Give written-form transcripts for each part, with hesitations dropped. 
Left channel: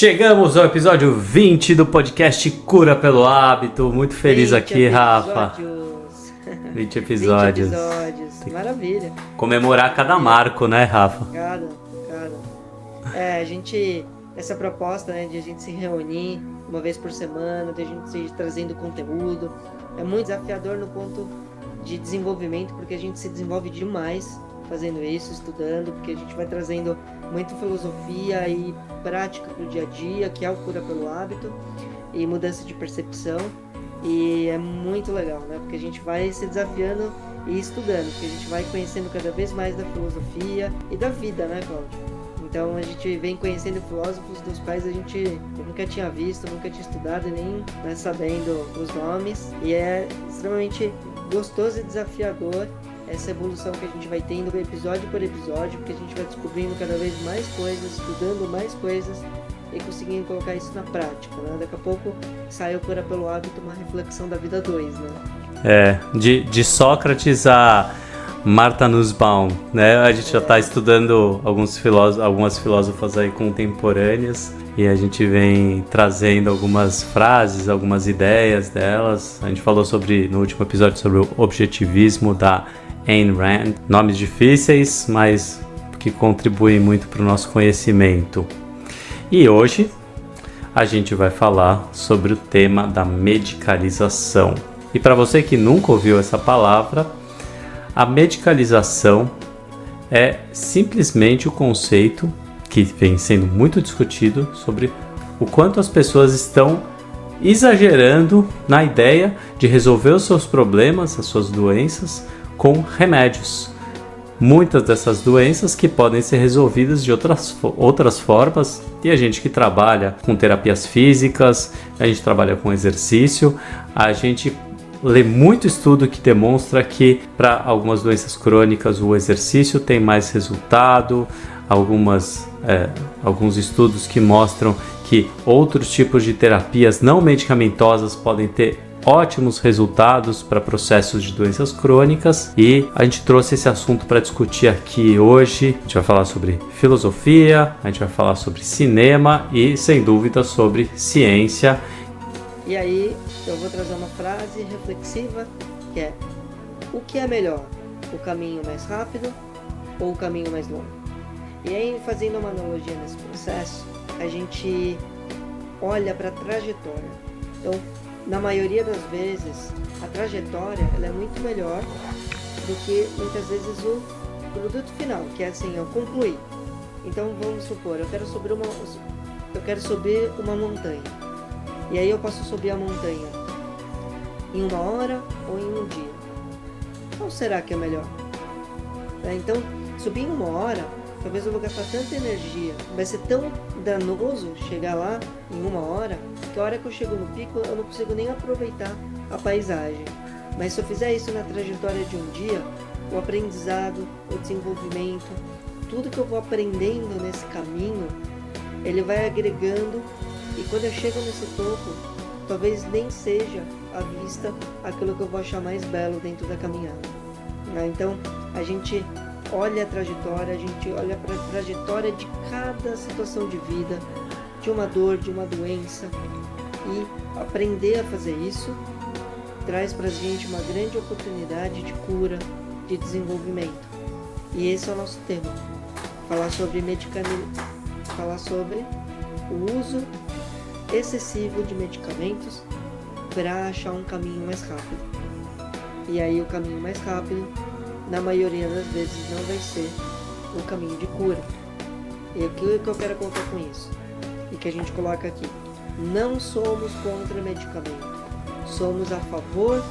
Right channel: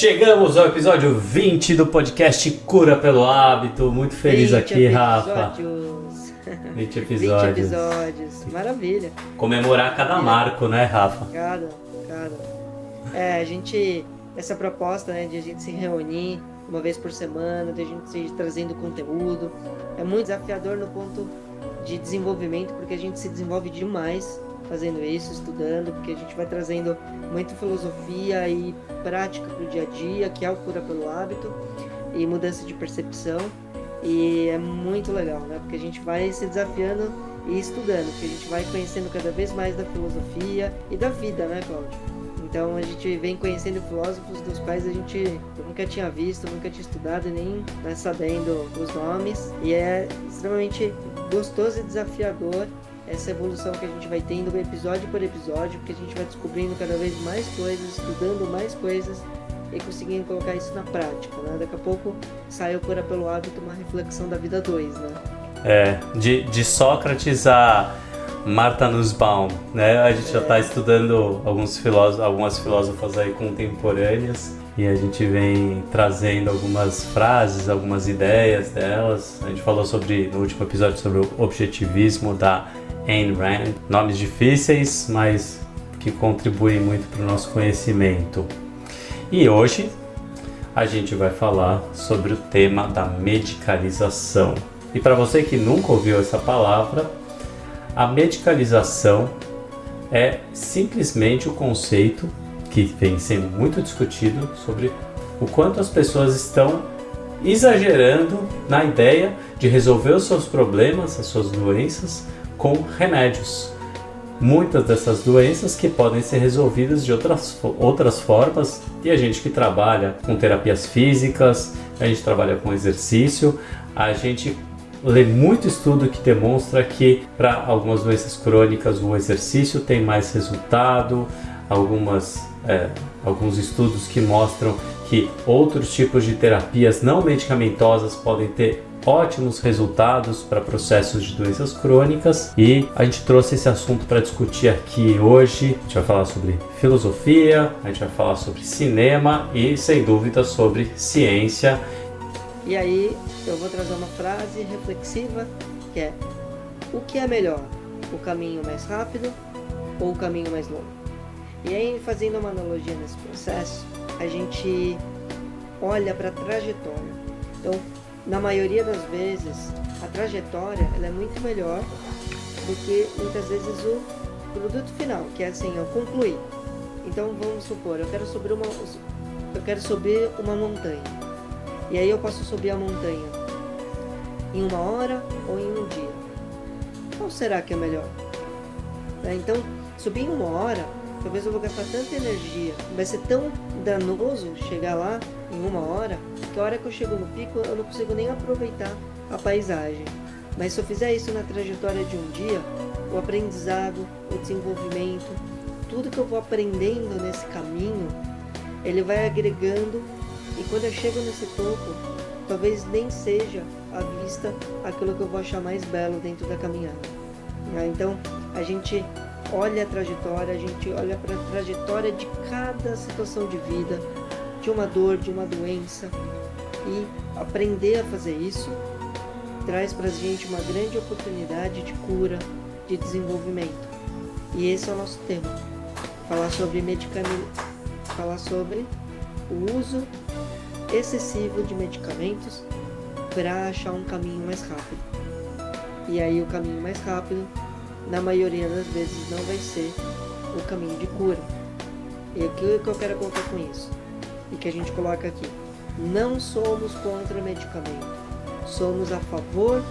Chegamos ao episódio 20 do podcast Cura pelo Hábito. Muito feliz aqui, Rafa. 20 episódios. 20 episódios. Maravilha. Comemorar cada marco, né, Rafa? Cada. Essa proposta, né, de a gente se reunir uma vez por semana, de a gente ir trazendo conteúdo, é muito desafiador no ponto de desenvolvimento, porque a gente se desenvolve demais fazendo isso, estudando, porque a gente vai trazendo muita filosofia e prática para o dia a dia, que é o Cura pelo Hábito, e mudança de percepção, e é muito legal, né? Porque a gente vai se desafiando e estudando, porque a gente vai conhecendo cada vez mais da filosofia e da vida, né, Cláudio? Então a gente vem conhecendo filósofos dos quais eu nunca tinha visto, nunca tinha estudado e nem, né, sabendo os nomes, e é extremamente gostoso e desafiador essa evolução que a gente vai tendo episódio por episódio, porque a gente vai descobrindo cada vez mais coisas, estudando mais coisas e conseguindo colocar isso na prática, né? Daqui a pouco sai o Cura pelo Hábito, uma reflexão da vida 2, né? De Sócrates a Martha Nussbaum, né? A gente já está estudando algumas filósofas aí contemporâneas e a gente vem trazendo algumas frases, algumas ideias delas. A gente falou no último episódio sobre o objetivismo da Ayn Rand, nomes difíceis, mas que contribuem muito para o nosso conhecimento. E hoje a gente vai falar sobre o tema da medicalização. E para você que nunca ouviu essa palavra, a medicalização é simplesmente o conceito que vem sendo muito discutido sobre o quanto as pessoas estão exagerando na ideia de resolver os seus problemas, as suas doenças, com remédios. Muitas dessas doenças que podem ser resolvidas de outras formas, e a gente que trabalha com terapias físicas, a gente trabalha com exercício, a gente lê muito estudo que demonstra que para algumas doenças crônicas o exercício tem mais resultado, alguns estudos que mostram que outros tipos de terapias não medicamentosas podem ter ótimos resultados para processos de doenças crônicas, e a gente trouxe esse assunto para discutir aqui hoje. A gente vai falar sobre filosofia, a gente vai falar sobre cinema e, sem dúvida, sobre ciência. E aí eu vou trazer uma frase reflexiva que é: o que é melhor, o caminho mais rápido ou o caminho mais longo? E aí, fazendo uma analogia nesse processo, a gente olha para a trajetória. Então, na maioria das vezes, a trajetória ela é muito melhor do que muitas vezes o produto final, que é assim, eu concluir. Então vamos supor, eu quero subir uma montanha. E aí eu posso subir a montanha em 1 hora ou em 1 dia. Qual será que é melhor? Então, subir em 1 hora, talvez eu vou gastar tanta energia, vai ser tão danoso chegar lá em 1 hora, que a hora que eu chego no pico eu não consigo nem aproveitar a paisagem. Mas se eu fizer isso na trajetória de 1 dia, o aprendizado, o desenvolvimento, tudo que eu vou aprendendo nesse caminho, ele vai agregando, e quando eu chego nesse topo, talvez nem seja à vista aquilo que eu vou achar mais belo dentro da caminhada. Então a gente olha a trajetória, a gente olha para a trajetória de cada situação de vida, de uma dor, de uma doença, e aprender a fazer isso traz para a gente uma grande oportunidade de cura, de desenvolvimento. E esse é o nosso tema: falar sobre o uso excessivo de medicamentos para achar um caminho mais rápido. E aí o caminho mais rápido, na maioria das vezes, não vai ser o caminho de cura. E o que eu quero colocar com isso? E que a gente coloca aqui: não somos contra medicamento, somos a favor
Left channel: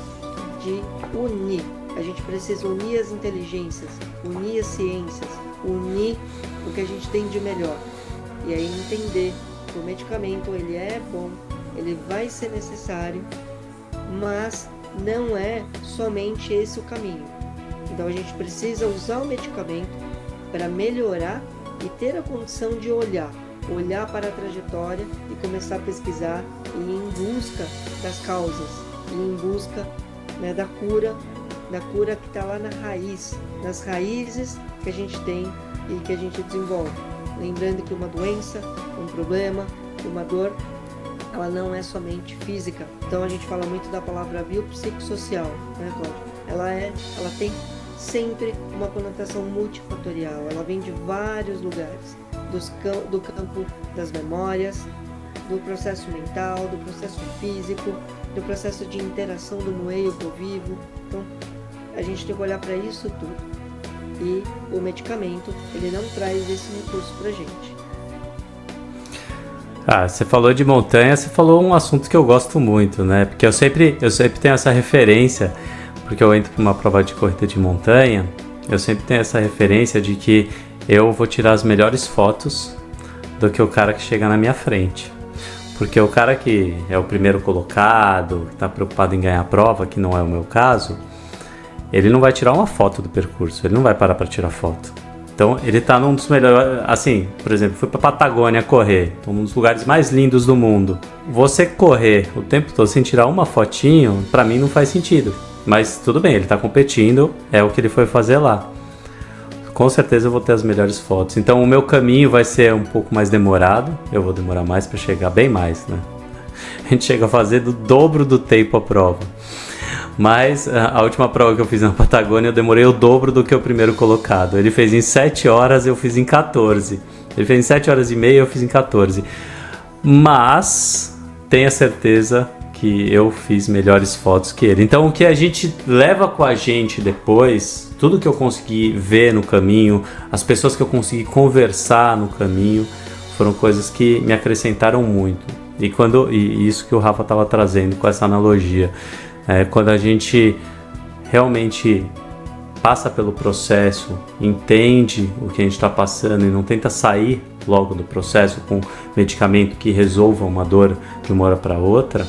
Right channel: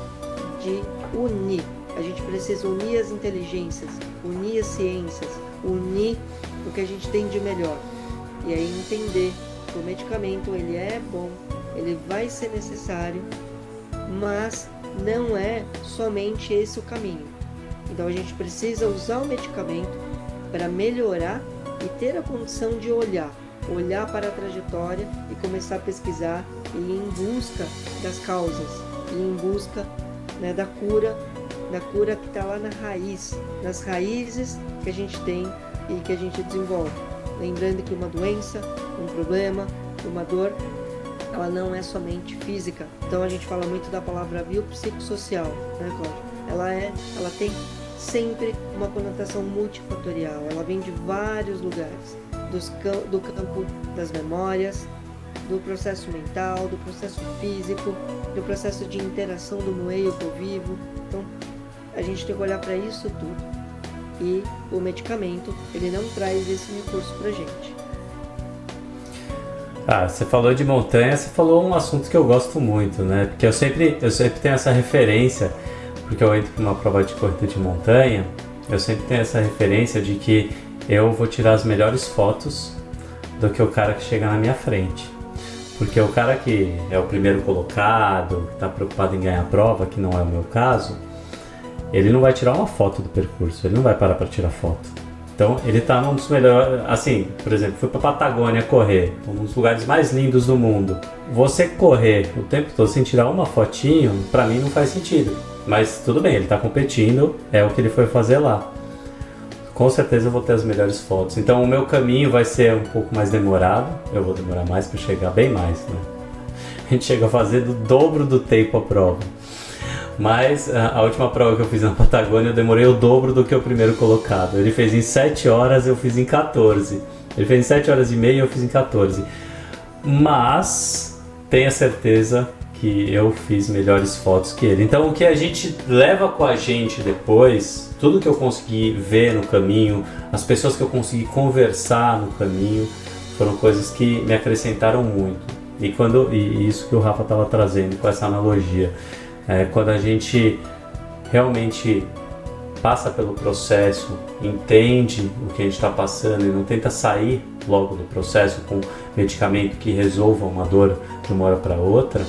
de unir. A gente precisa unir as inteligências, unir as ciências, unir o que a gente tem de melhor. E aí entender que o medicamento ele é bom, ele vai ser necessário, mas não é somente esse o caminho. Então a gente precisa usar o medicamento para melhorar e ter a condição de olhar para a trajetória e começar a pesquisar e ir em busca das causas, e em busca, né, da cura que está lá na raiz, nas raízes que a gente tem e que a gente desenvolve. Lembrando que uma doença, um problema, uma dor, ela não é somente física. Então a gente fala muito da palavra biopsicossocial, né, Cláudio? Ela tem sempre uma conotação multifatorial. Ela vem de vários lugares, do campo das memórias, do processo mental, do processo físico, do processo de interação do meio com o vivo. Então a gente tem que olhar para isso tudo. E o medicamento, ele não traz esse recurso pra gente. Você falou de montanha, você falou um assunto que eu gosto muito, né? Porque eu sempre tenho essa referência, porque eu entro para uma prova de corrida de montanha, eu sempre tenho essa referência de que eu vou tirar as melhores fotos do que o cara que chega na minha frente. Porque o cara que é o primeiro colocado, que está preocupado em ganhar a prova, que não é o meu caso, ele não vai tirar uma foto do percurso, ele não vai parar para tirar foto. Então ele está num dos melhores, assim, por exemplo, fui para Patagônia correr, um dos lugares mais lindos do mundo. Você correr o tempo todo sem tirar uma fotinho, para mim não faz sentido. Mas tudo bem, ele está competindo, é o que ele foi fazer lá. Com certeza eu vou ter as melhores fotos. Então o meu caminho vai ser um pouco mais demorado, eu vou demorar mais para chegar, bem mais, né? A gente chega a fazer do dobro do tempo a prova. Mas a última prova que eu fiz na Patagônia eu demorei o dobro do que o primeiro colocado. Ele fez em 7 horas, eu fiz em 14. Ele fez em 7 horas e meia, eu fiz em 14. Mas tenha certeza que eu fiz melhores fotos que ele. Então o que a gente leva com a gente depois, tudo que eu consegui ver no caminho, as pessoas que eu consegui conversar no caminho, foram coisas que me acrescentaram muito. E isso que o Rafa estava trazendo com essa analogia. Quando a gente realmente passa pelo processo, entende o que a gente está passando e não tenta sair logo do processo com medicamento que resolva uma dor de uma hora para outra,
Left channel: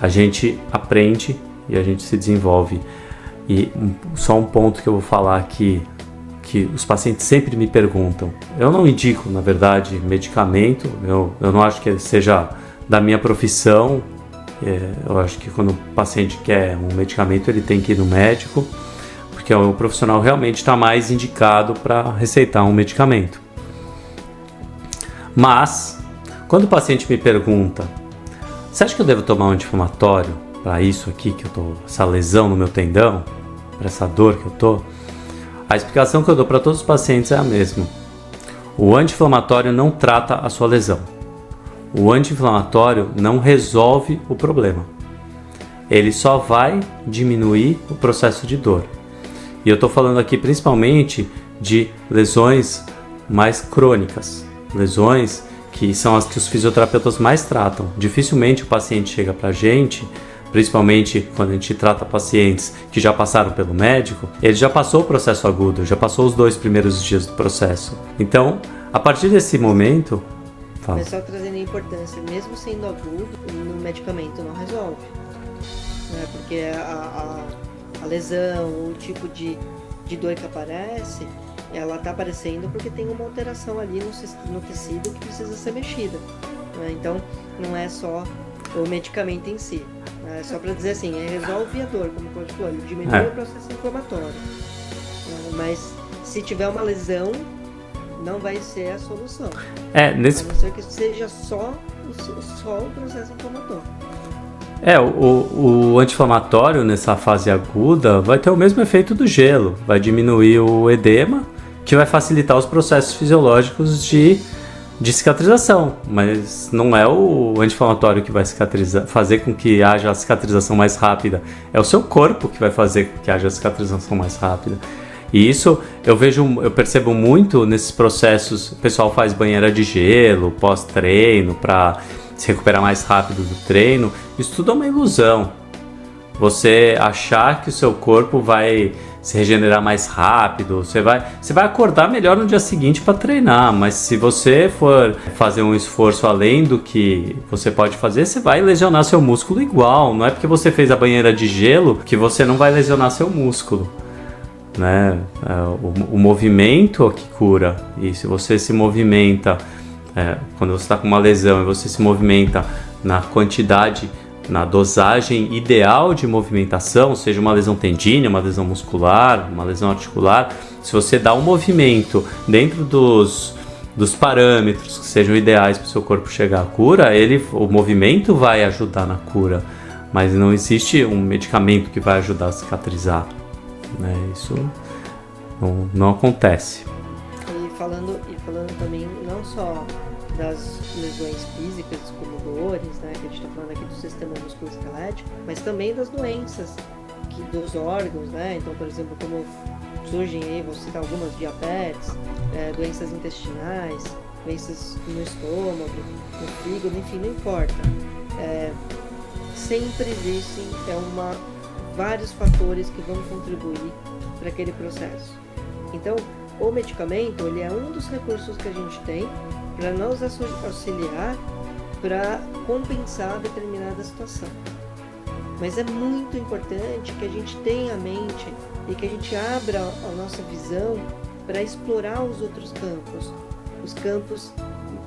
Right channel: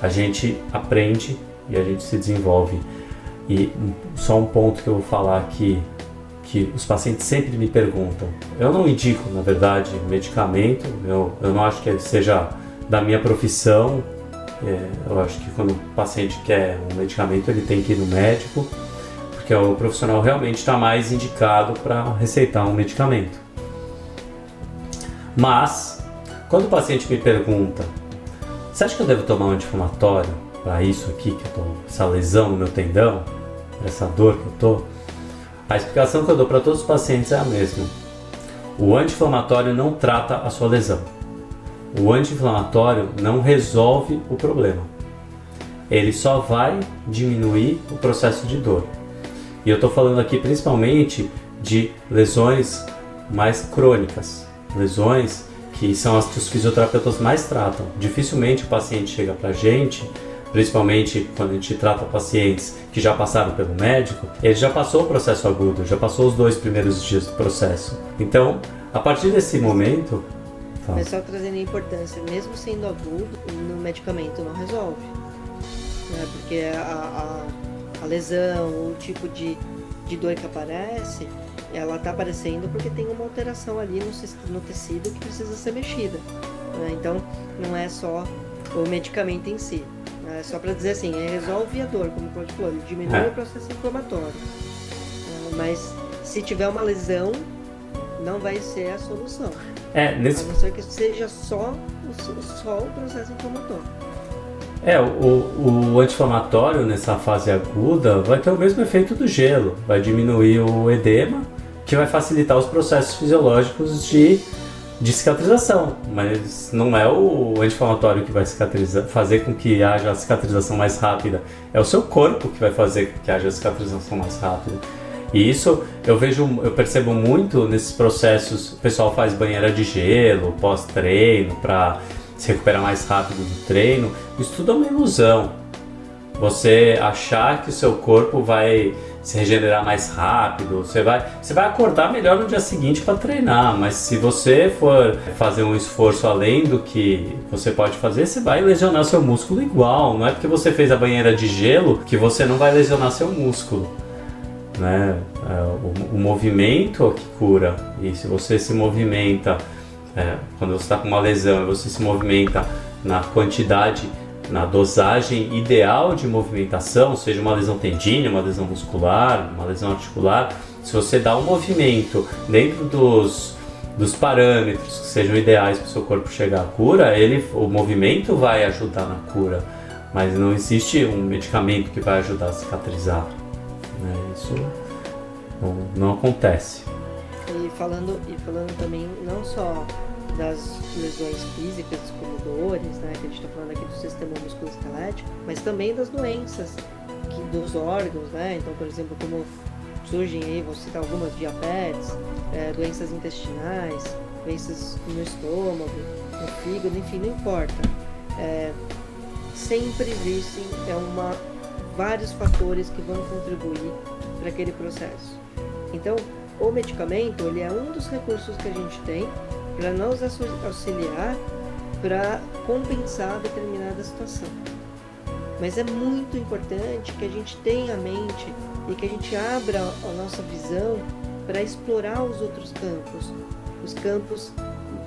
a gente aprende e a gente se desenvolve. E só um ponto que eu vou falar aqui, que os pacientes sempre me perguntam. Eu não indico, na verdade, medicamento, eu não acho que ele seja da minha profissão. Eu acho que quando o paciente quer um medicamento, ele tem que ir no médico, porque o profissional realmente está mais indicado para receitar um medicamento. Mas, quando o paciente me pergunta, você acha que eu devo tomar um anti-inflamatório para isso aqui, que eu tô, essa lesão no meu tendão, para essa dor que eu tô? A explicação que eu dou para todos os pacientes é a mesma. O anti-inflamatório não trata a sua lesão. O anti-inflamatório não resolve o problema. Ele só vai diminuir o processo de dor. E eu estou falando aqui principalmente de lesões mais crônicas, lesões que são as que os fisioterapeutas mais tratam. Dificilmente o paciente chega para a gente, principalmente quando a gente trata pacientes que já passaram pelo médico, ele já passou o processo agudo, já passou os 2 primeiros dias do processo. Então, a partir desse momento... Mas só trazendo a importância, mesmo sendo agudo, no medicamento não resolve. Né? Porque a lesão, o tipo de dor que aparece, ela está aparecendo porque tem uma alteração ali no tecido que precisa ser mexida. Né? Então, não é só o medicamento em si. É só para dizer assim, resolve a dor, como o Claudio falou, diminui o processo inflamatório. Mas se tiver uma lesão, não vai ser a solução. A não ser que seja só o processo inflamatório. O anti-inflamatório nessa fase aguda vai ter o mesmo efeito do gelo, vai diminuir o edema, que vai facilitar os processos fisiológicos de cicatrização, mas não é o anti-inflamatório que vai fazer com que haja a cicatrização mais rápida, é o seu corpo que vai fazer com que haja a cicatrização mais rápida. E isso eu percebo muito nesses processos. O pessoal faz banheira de gelo pós-treino para se recuperar mais rápido do treino. Isso tudo é uma ilusão. Você achar que o seu corpo vai se regenerar mais rápido, você vai acordar melhor no dia seguinte para treinar, mas se você for fazer um esforço além do que você pode fazer, você vai lesionar seu músculo igual. Não é porque você fez a banheira de gelo que você não vai lesionar seu músculo. Né? O movimento é que cura, e se você se movimenta quando você está com uma lesão e você se movimenta na quantidade, na dosagem ideal de movimentação, seja uma lesão tendínea, uma lesão muscular, uma lesão articular, se você dá um movimento dentro dos parâmetros que sejam ideais para o seu corpo chegar à cura, o movimento vai ajudar na cura, mas não existe um medicamento que vai ajudar a cicatrizar, né? Isso não acontece. E falando também não só das lesões físicas, como dores, né, que a gente está falando aqui do sistema musculoesquelético, mas também das doenças dos órgãos, né? Então, por exemplo, como surgem aí, vou citar algumas: diabetes, doenças intestinais, doenças no estômago, no fígado, enfim, não importa. Sempre existem vários fatores que vão contribuir para aquele processo. Então, o medicamento, ele é um dos recursos que a gente tem para nos auxiliar para compensar determinada situação. Mas é muito importante que a gente tenha a mente e que a gente abra a nossa visão para explorar os outros campos. Os campos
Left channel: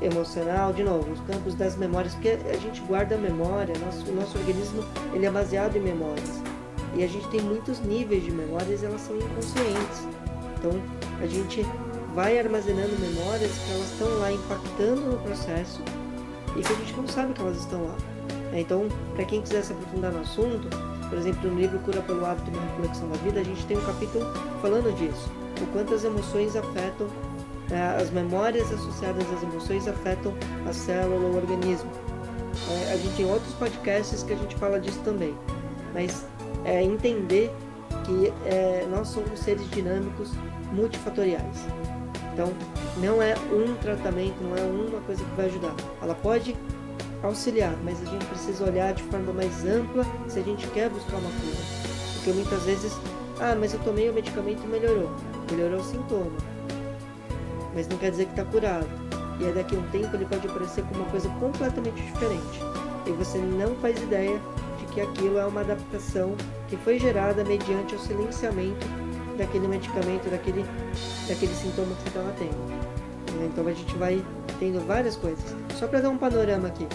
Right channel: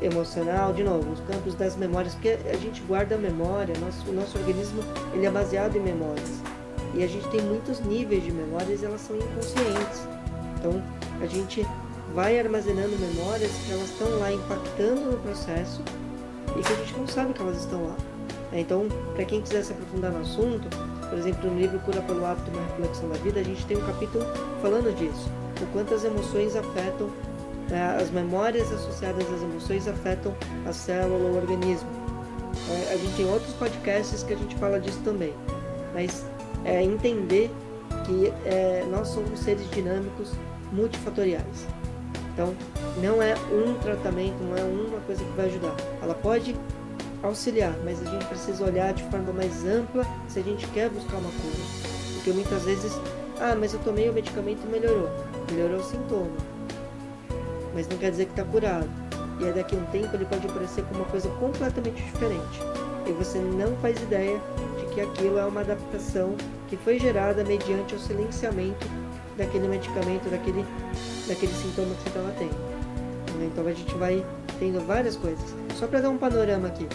emocional, de novo, os campos das memórias, porque a gente guarda a memória, o nosso organismo ele é baseado em memórias. E a gente tem muitos níveis de memórias e elas são inconscientes. Então, a gente vai armazenando memórias que elas estão lá impactando no processo e que a gente não sabe que elas estão lá. Então, para quem quiser se aprofundar no assunto, por exemplo, no livro Cura pelo Hábito, uma reflexão da vida, a gente tem um capítulo falando disso, o quanto as emoções afetam, as memórias associadas às emoções afetam a célula ou o organismo. A gente tem outros podcasts que a gente fala disso também, mas entender que nós somos seres dinâmicos multifatoriais. Então, não é um tratamento, não é uma coisa que vai ajudar. Ela pode auxiliar, mas a gente precisa olhar de forma mais ampla se a gente quer buscar uma cura. Porque muitas vezes, mas eu tomei o medicamento e melhorou o sintoma, mas não quer dizer que está curado. E aí daqui a um tempo ele pode aparecer com uma coisa completamente diferente. E você não faz ideia de que aquilo é uma adaptação que foi gerada mediante o silenciamento daquele medicamento, daquele sintoma que você estava tendo. Então a gente vai tendo várias coisas. Só para dar um panorama aqui,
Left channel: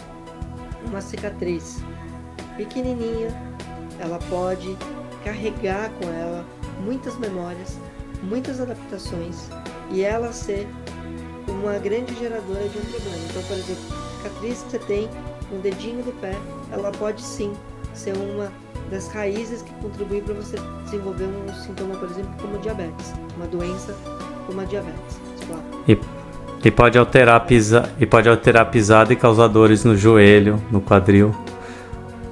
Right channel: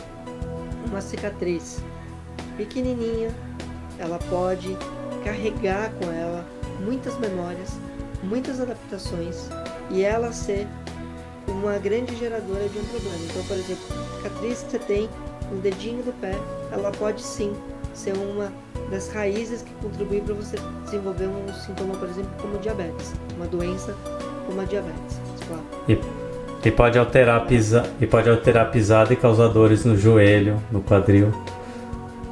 uma cicatriz pequenininha, ela pode carregar com ela muitas memórias, muitas adaptações e ela ser uma grande geradora de um problema. Então, por exemplo, a cicatriz que você tem no dedinho do pé, ela pode sim ser uma das raízes que contribui para você desenvolver um sintoma, por exemplo, como diabetes, uma doença como a diabetes. Claro. E pode alterar a pisada e causar dores no joelho, no quadril.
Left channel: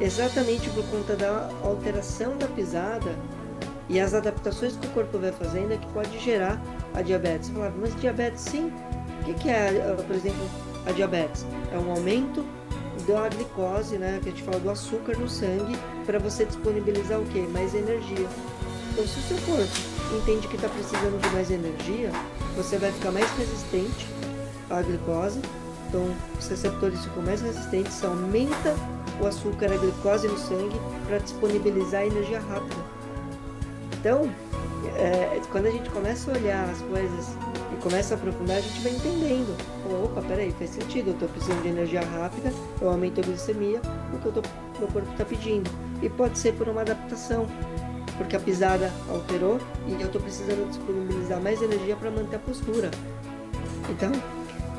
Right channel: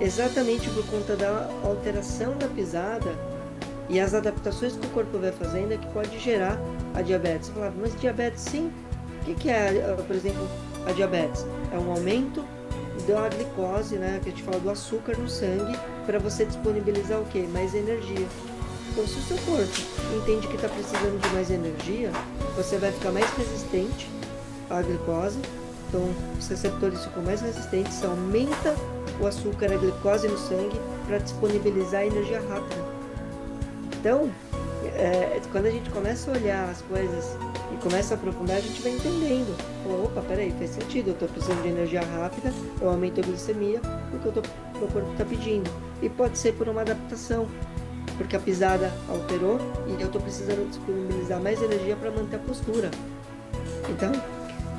Exatamente por conta da alteração da pisada e as adaptações que o corpo vai fazendo é que pode gerar a diabetes. Você falava, mas diabetes sim? O que é, por exemplo, a diabetes? É um aumento da glicose, né, que a gente fala do açúcar no sangue, para você disponibilizar o quê? Mais energia. Então, se o seu corpo entende que está precisando de mais energia, você vai ficar mais resistente à glicose. Então, os receptores ficam mais resistentes, você aumenta o açúcar, a glicose no sangue, para disponibilizar energia rápida. Então, quando a gente começa a olhar as coisas e começa a aprofundar, a gente vai entendendo. Opa, peraí, faz sentido, eu estou precisando de energia rápida, eu aumento a glicemia, porque meu corpo está pedindo. E pode ser por uma adaptação, porque a pisada alterou e eu estou precisando disponibilizar mais energia para manter a postura. Então,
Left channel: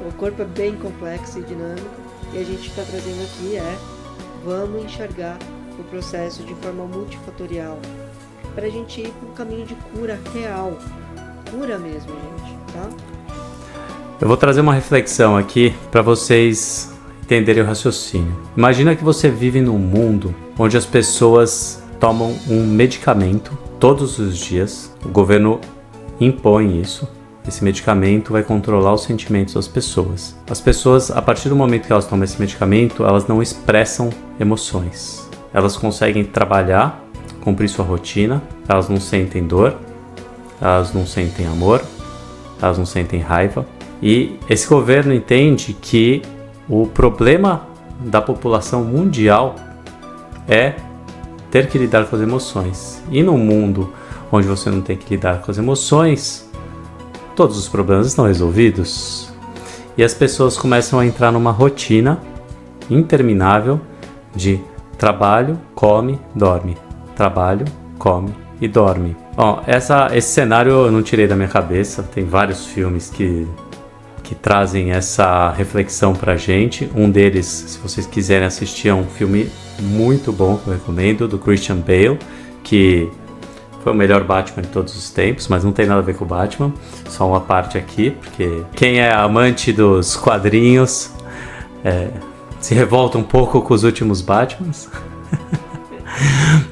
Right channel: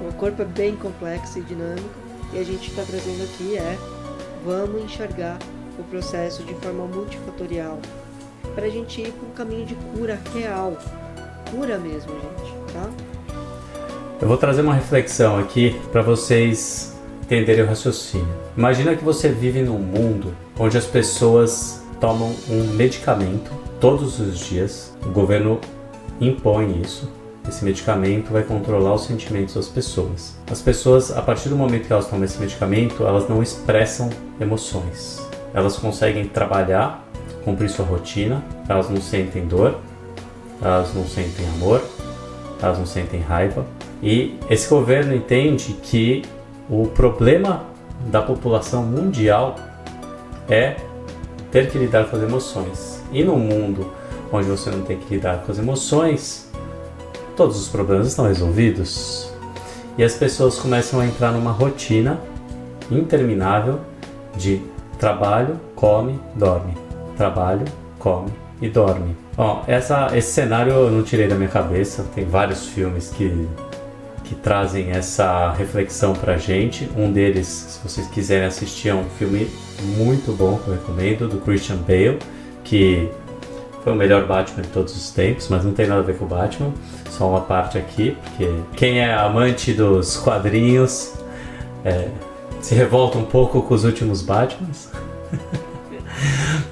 o corpo é bem complexo e dinâmico, e a gente está trazendo aqui vamos enxergar o processo de forma multifatorial, para a gente ir para um caminho de cura real, cura mesmo, gente, tá? Eu vou trazer uma reflexão aqui para vocês entenderem o raciocínio. Imagina que você vive num mundo onde as pessoas tomam um medicamento todos os dias, o governo impõe isso. Esse medicamento vai controlar os sentimentos das pessoas. As pessoas, a partir do momento que elas tomam esse medicamento, elas não expressam emoções. Elas conseguem trabalhar, cumprir sua rotina, elas não sentem dor, elas não sentem amor, elas não sentem raiva. E esse governo entende que o problema da população mundial é ter que lidar com as emoções. E num mundo onde você não tem que lidar com as emoções, todos os problemas estão resolvidos. E as pessoas começam a entrar numa rotina interminável de trabalho, come, dorme. Trabalho, come e dorme. Esse cenário eu não tirei da minha cabeça. Tem vários filmes que que trazem essa reflexão pra gente. Um deles, se vocês quiserem assistir, é um filme muito bom que eu recomendo, do Christian Bale, que foi o melhor Batman de todos os tempos, mas não tem nada a ver com o Batman, só uma parte aqui, porque quem é amante dos quadrinhos se revolta um pouco com os últimos Batmans.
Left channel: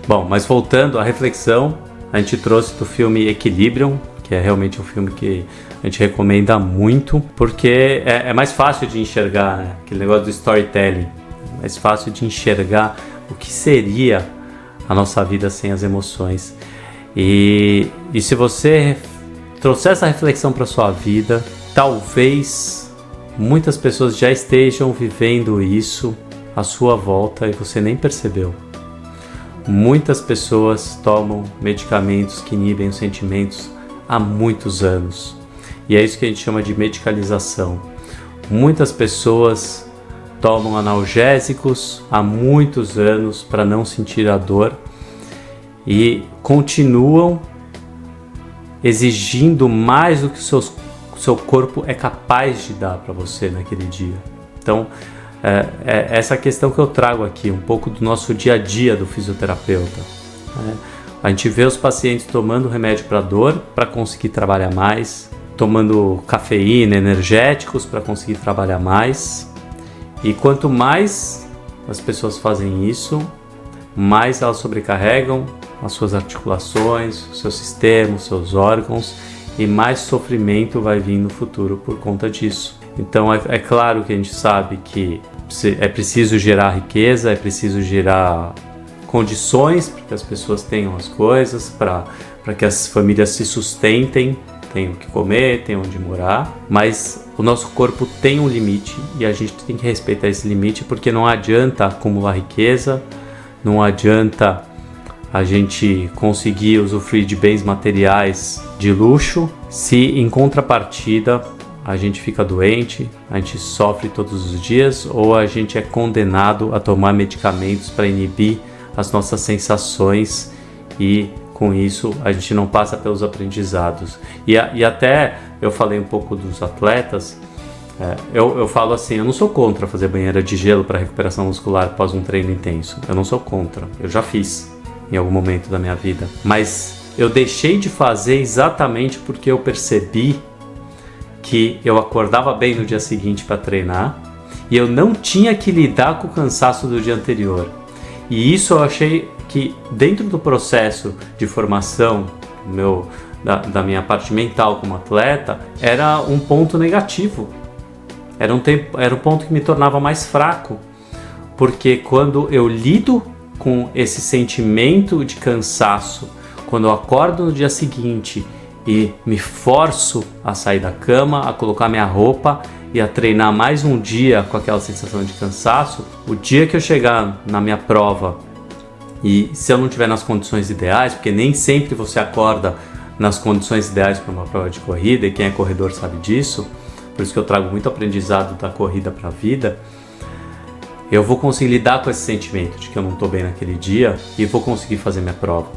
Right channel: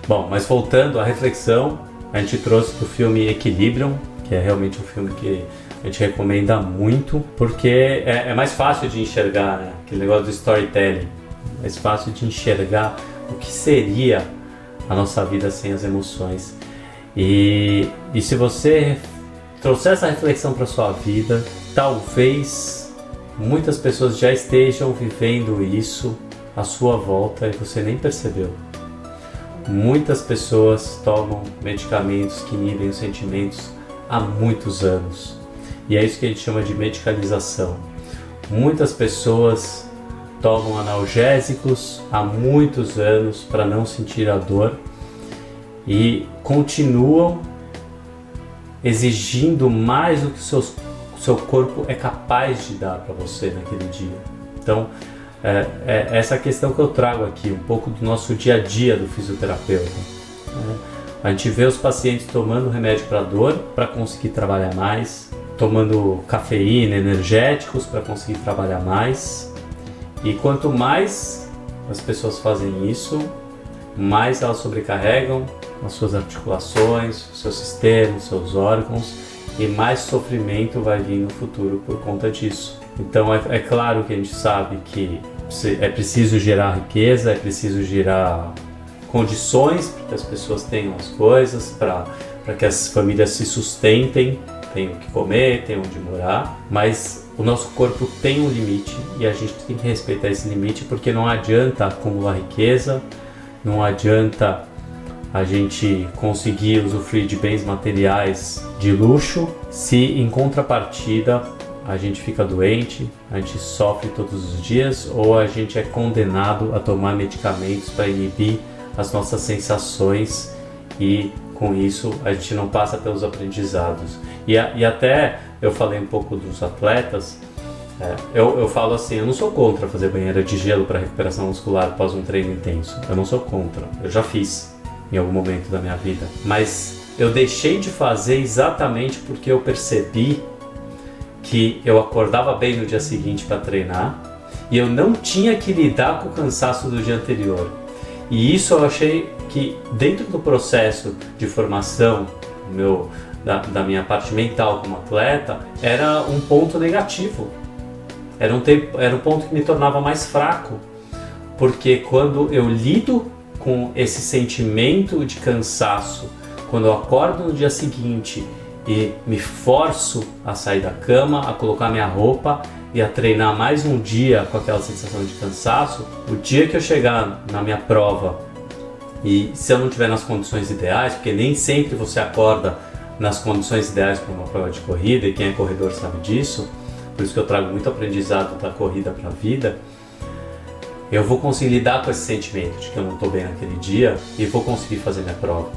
Bom, mas voltando à reflexão, a gente trouxe do filme Equilibrium, que é realmente um filme que a gente recomenda muito, porque é mais fácil de enxergar, né? Aquele negócio do storytelling, mais fácil de enxergar o que seria a nossa vida sem as emoções. E se você trouxer essa reflexão para sua vida, talvez muitas pessoas já estejam vivendo isso à sua volta e você nem percebeu. Muitas pessoas tomam medicamentos que inibem os sentimentos há muitos anos. E é isso que a gente chama de medicalização. Muitas pessoas tomam analgésicos há muitos anos para não sentir a dor e continuam exigindo mais do que o seu corpo é capaz de dar para você naquele dia. Então, essa questão que eu trago aqui, um pouco do nosso dia a dia do fisioterapeuta. A gente vê os pacientes tomando remédio para dor para conseguir trabalhar mais, tomando cafeína, energéticos para conseguir trabalhar mais. E quanto mais as pessoas fazem isso, mais elas sobrecarregam as suas articulações, o seu sistema, os seus órgãos, e mais sofrimento vai vir no futuro por conta disso. Então é claro que a gente sabe que é preciso gerar riqueza, é preciso gerar condições para que as pessoas tenham as coisas, para que as famílias se sustentem, tenham o que comer, tenham onde morar, mas o nosso corpo tem um limite e a gente tem que respeitar esse limite, porque não adianta acumular riqueza, não adianta a gente conseguir usufruir de bens materiais de luxo se em contrapartida a gente fica doente, a gente sofre todos os dias ou a gente é condenado a tomar medicamentos para inibir as nossas sensações e com isso a gente não passa pelos aprendizados. E até eu falei um pouco dos atletas, eu falo assim, eu não sou contra fazer banheira de gelo para recuperação muscular após um treino intenso, eu não sou contra, eu já fiz em algum momento da minha vida, mas eu deixei de fazer exatamente porque eu percebi que eu acordava bem no dia seguinte para treinar e eu não tinha que lidar com o cansaço do dia anterior. E isso eu achei que dentro do processo de formação da minha parte mental como atleta, era um ponto negativo. Era um ponto que me tornava mais fraco, porque quando eu lido com esse sentimento de cansaço, quando eu acordo no dia seguinte e me forço a sair da cama, a colocar minha roupa e a treinar mais um dia com aquela sensação de cansaço, o dia que eu chegar na minha prova e se eu não estiver nas condições ideais, porque nem sempre você acorda nas condições ideais para uma prova de corrida, e quem é corredor sabe disso, por isso que eu trago muito aprendizado da corrida para a vida, eu vou conseguir lidar com esse sentimento de que eu não estou bem naquele dia e vou conseguir fazer minha prova.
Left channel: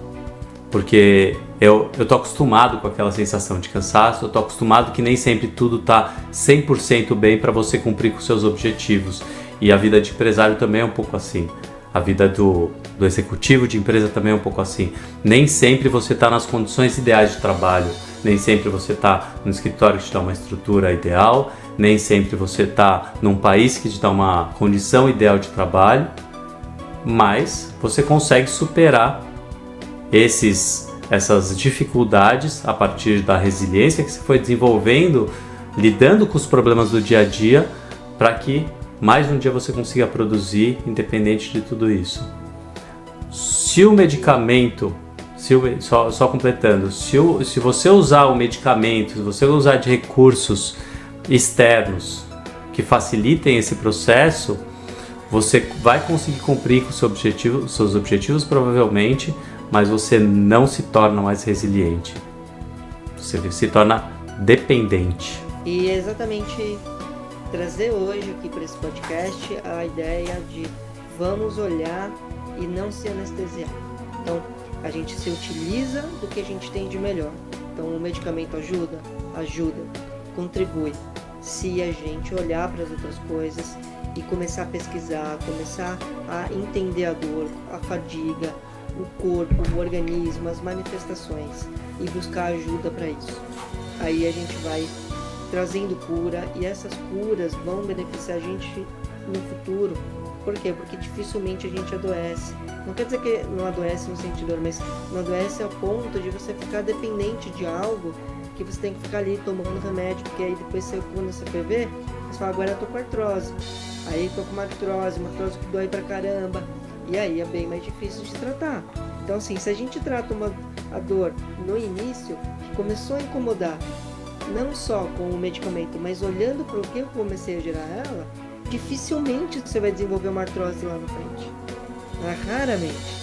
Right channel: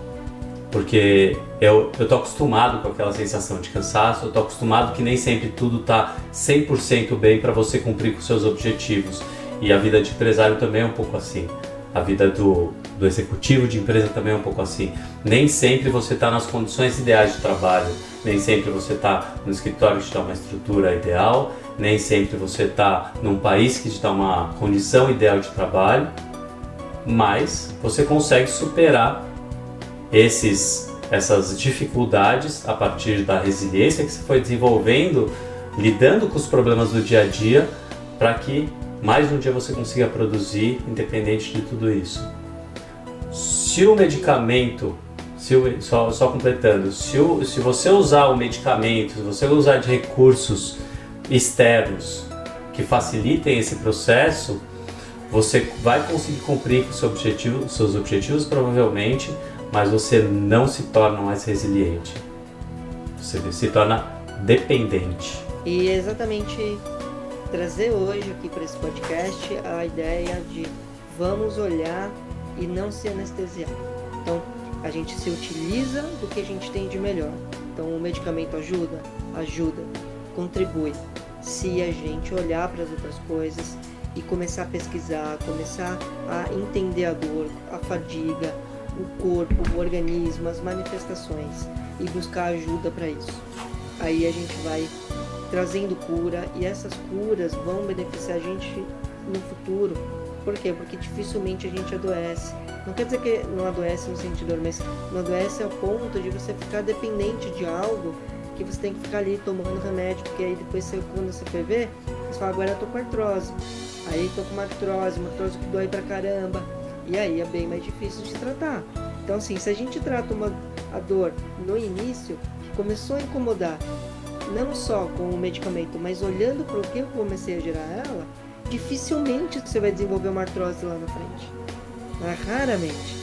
Porque eu tô acostumado com aquela sensação de cansaço, eu tô acostumado que nem sempre tudo tá 100% bem para você cumprir com seus objetivos. E a vida de empresário também é um pouco assim. A vida do executivo de empresa também é um pouco assim. Nem sempre você tá nas condições ideais de trabalho, nem sempre você tá no escritório que te dá uma estrutura ideal, nem sempre você tá num país que te dá uma condição ideal de trabalho, mas você consegue superar essas dificuldades a partir da resiliência que você foi desenvolvendo, lidando com os problemas do dia a dia, para que mais um dia você consiga produzir independente de tudo isso. Se o medicamento, só completando, se você usar o medicamento, se você usar de recursos externos que facilitem esse processo, você vai conseguir cumprir com os seus objetivos provavelmente, mas você não se torna mais resiliente. Você se torna dependente. E é exatamente trazer hoje aqui para esse podcast a ideia de vamos olhar e não se anestesiar. Então, a gente se utiliza do que a gente tem de melhor. Então, o medicamento ajuda, contribui. se a gente olhar para as outras coisas e começar a pesquisar, começar a entender a dor, a fadiga, o corpo, o organismo, as manifestações e buscar ajuda para isso. Aí a gente vai trazendo cura e essas curas vão beneficiar a gente no futuro. Por quê? Porque dificilmente a gente adoece. Não quer dizer que não adoece no sentido dor, mas não adoece ao ponto de você ficar dependente de algo que você tem que ficar ali tomando remédio, porque aí depois quando você foi ver, você fala, agora eu tô com artrose. Aí tô com uma artrose que dói pra caramba. E aí é bem mais difícil de tratar. Então assim, se a gente trata a dor no início, que começou a incomodar, não só com o medicamento, mas olhando para o que eu comecei a gerar ela, dificilmente você vai desenvolver uma artrose lá na frente. Raramente.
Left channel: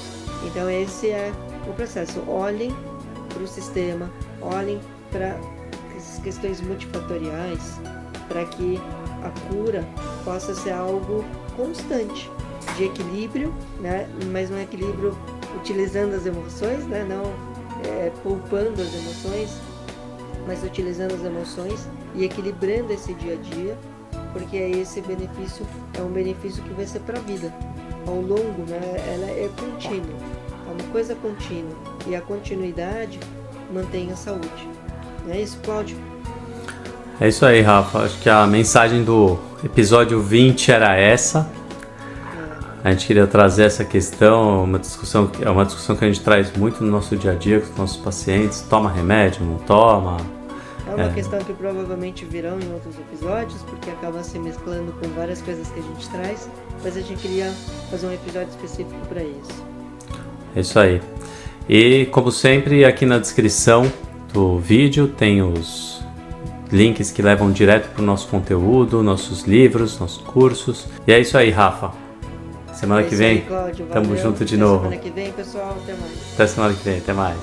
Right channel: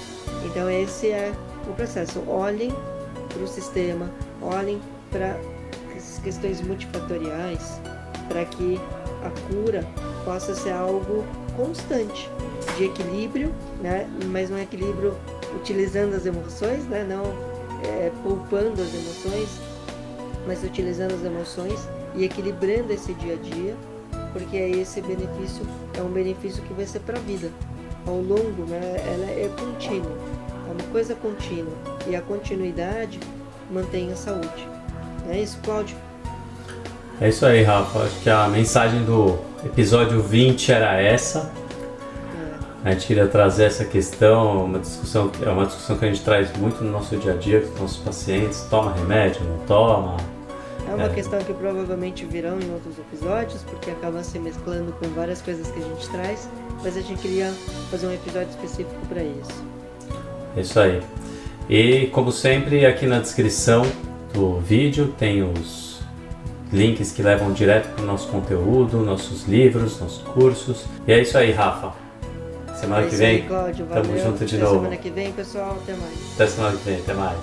Então esse é o processo. Olhem para o sistema, olhem para essas questões multifatoriais, para que a cura possa ser algo constante, de equilíbrio, né? Mas um equilíbrio utilizando as emoções, né? Não poupando as emoções, mas utilizando as emoções e equilibrando esse dia a dia, porque esse benefício é um benefício que vai ser para a vida, ao longo, né? Ela é contínua, é uma coisa contínua, e a continuidade mantém a saúde. Não é isso, Cláudio? É isso aí, Rafa. Acho que a mensagem do episódio 20 era essa. A gente queria trazer essa questão, é uma discussão que a gente traz muito no nosso dia a dia com os nossos pacientes. Toma remédio, não toma? É uma questão que provavelmente virão em outros episódios, porque acaba se mesclando com várias coisas que a gente traz, mas a gente queria fazer um episódio específico para isso. É isso aí. E, como sempre, aqui na descrição do vídeo tem os links que levam direto para o nosso conteúdo, nossos livros, nossos cursos. E é isso aí, Rafa. Semana que vem, aí, Cláudio, valeu. Tamo junto de Até novo. Semana que vem, pessoal, até mais. Até semana que vem, até mais.